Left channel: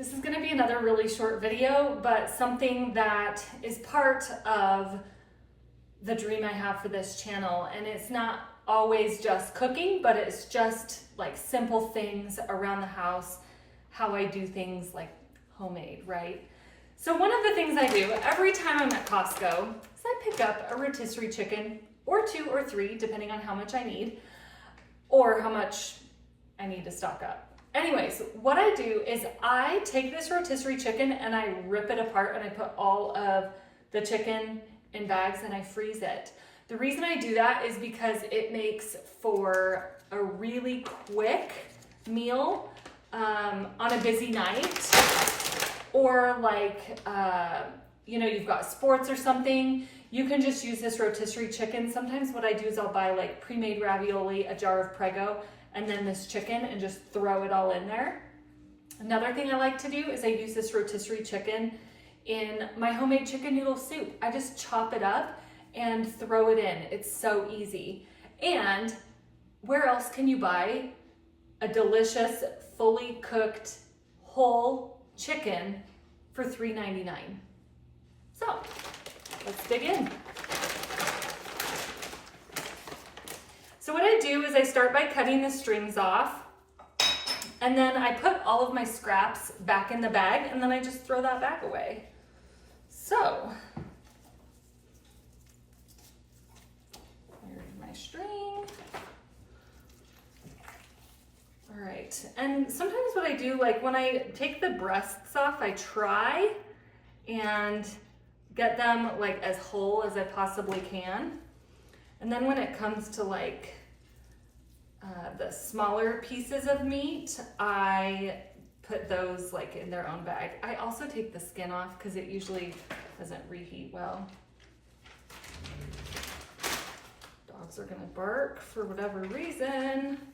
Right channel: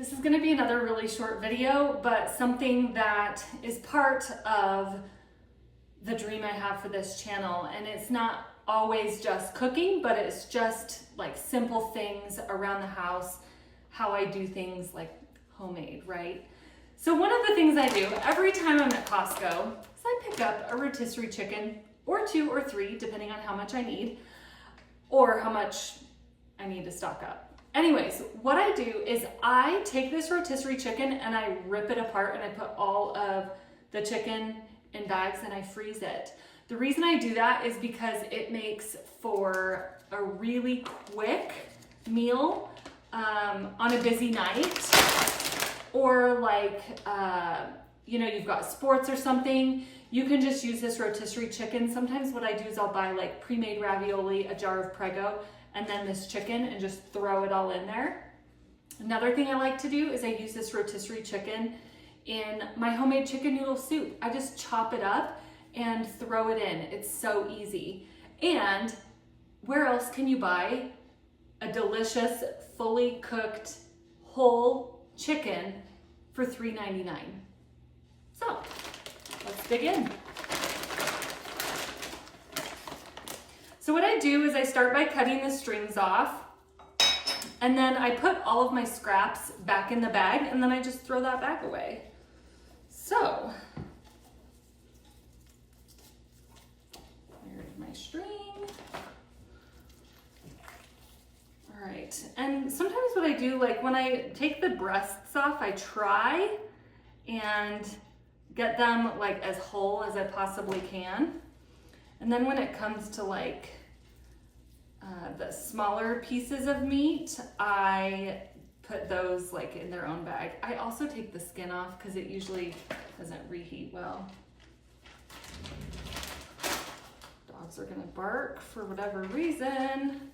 This is going to be another really short video, but something that is part of the dream I have for this channel. And it's not always just cooking, but it's just like simple things around the house, how I do things like homemade, right? So one of the things I do every time I'm at Costco is I pick up a rotisserie chicken, or 2 or 3, depending on how much I need, or how much I need to stock up. Anyways, what I do is I take this rotisserie chicken and I rip it apart and I put all of the chicken in bags and I freeze it. The reason I do that is because it makes for a really quick meal on a busy night, or like, you've got sports or something. You can just use this rotisserie chicken. Sometimes what I do is I'll buy like pre-made ravioli, a jar of Prego, and then this chicken and just throw it all in there. Another thing I like to do is I use this rotisserie chicken in my homemade chicken noodle soup. I just chop it up and throw it in. It's so easy. And where else can you buy a delicious, fully cooked, whole chicken for $3.99? So let's dig in. So what I do is I start by cutting the strings off, and then I put all of my scraps back in the bag, and then I just throw that bag away. So, there's my string. All right, and sometimes what I do, like when I take the breasts off, I try and get them like as whole as I possibly can. And then when it comes to like the smaller pieces of meat, I put those like in their own bag. I also take the skin off because it usually doesn't reheat well. Dogs are gonna bark for whatever reason.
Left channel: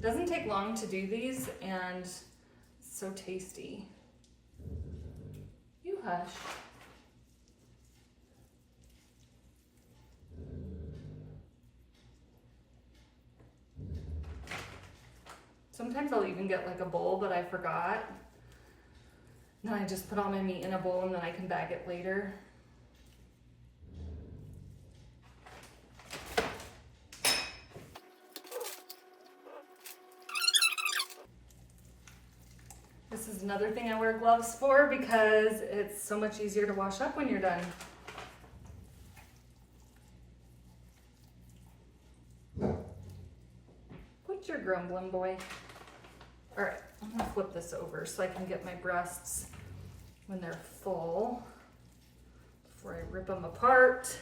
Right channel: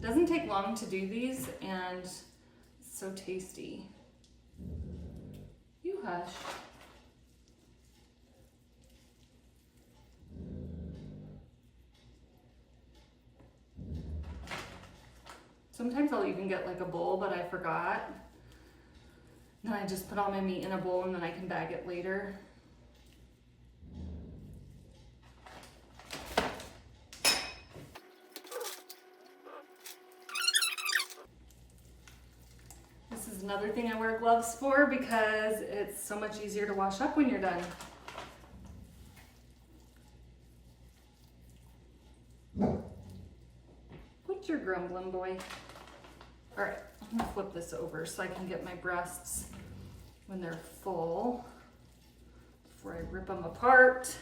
Doesn't take long to do these, and so tasty. You hush. Sometimes I'll even get like a bowl, but I forgot. Then I just put all my meat in a bowl and then I can bag it later. This is another thing I wear gloves for because it's so much easier to wash up when you're done. What's your grumbling, boy? All right, I'm gonna flip this over so I can get my breasts when they're full before I rip them apart.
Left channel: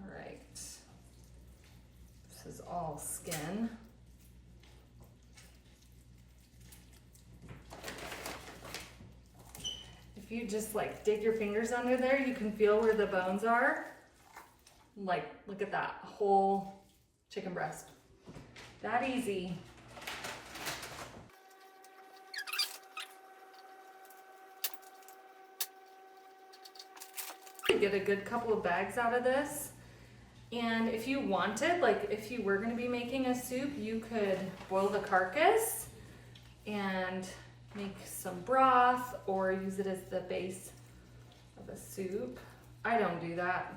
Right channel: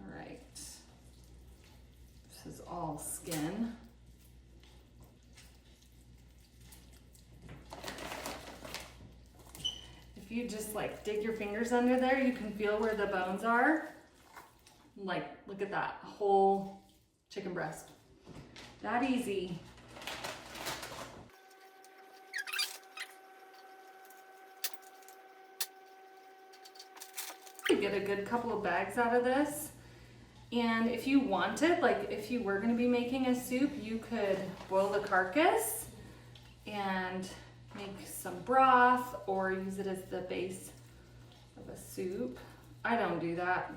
All right, this is all skin. If you just like dig your fingers under there, you can feel where the bones are. Like, look at that whole chicken breast. That easy. You get a good couple of bags out of this. And if you wanted, like if you were gonna be making a soup, you could boil the carcass and make some broth or use it as the base of a soup. I don't do that.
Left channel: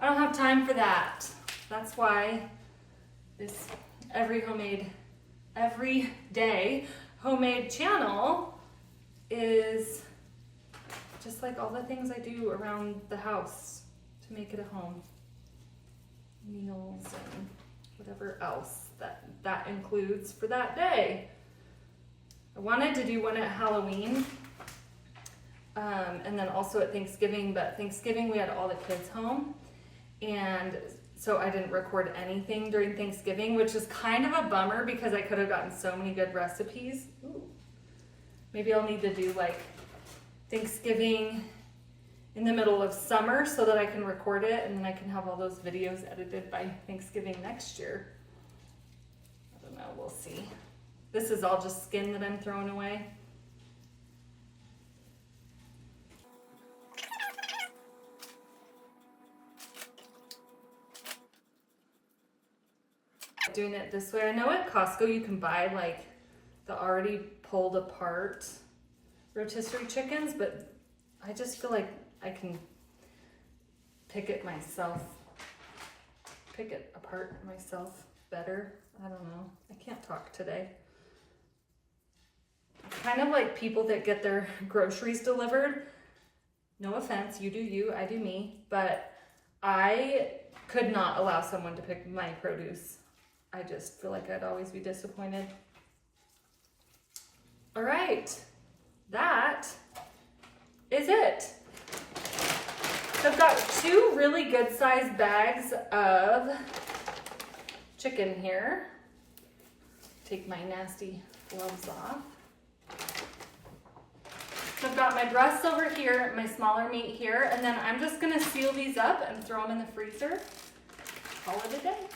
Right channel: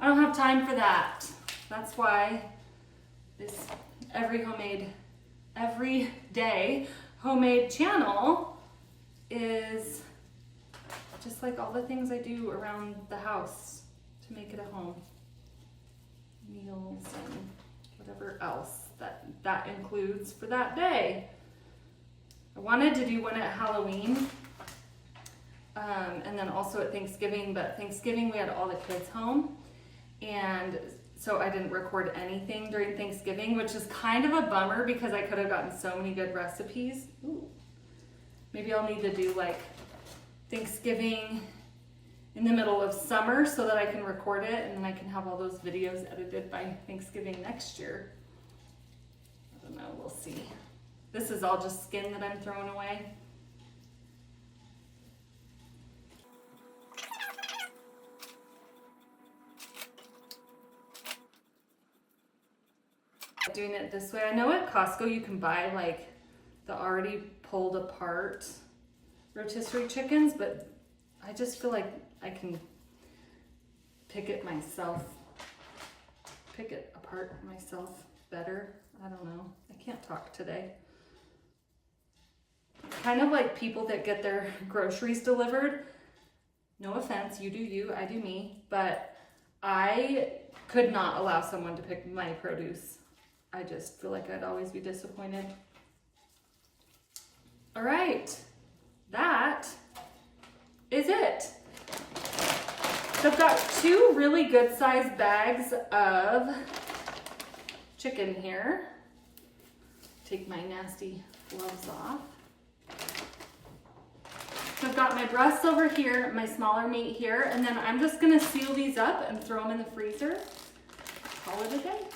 I don't have time for that. That's why this everyday homemade channel is just like all the things I do around the house to make it a home. Meals and whatever else that includes for that day. I wanted to do one at Halloween and then also at Thanksgiving, but Thanksgiving we had all the kids home, and so I didn't record anything during Thanksgiving, which is kind of a bummer because I could have gotten so many good recipes. Ooh. Maybe I'll need to do like Thanksgiving in the middle of summer so that I can record it and then I can have all those videos edited by Thanksgiving next year. I don't know, we'll see. This is all just skin that I'm throwing away. Doing it this way. I know at Costco you can buy like the already pulled apart rotisserie chickens, but I just feel like I can pick it apart myself better. I don't know. I can't talk today. Kind of like people that get their groceries delivered. No offense, you do you, I do me, but I could not allow someone to pick my produce. I just feel like I'd always be disappointed. All right, that is it. So I've got 2 really good sized bags of chicken here. Take my nasty gloves off. So I've got my breasts over here, my smaller meat here, and then I'm just gonna seal these up and throw them in the freezer. Call it a day.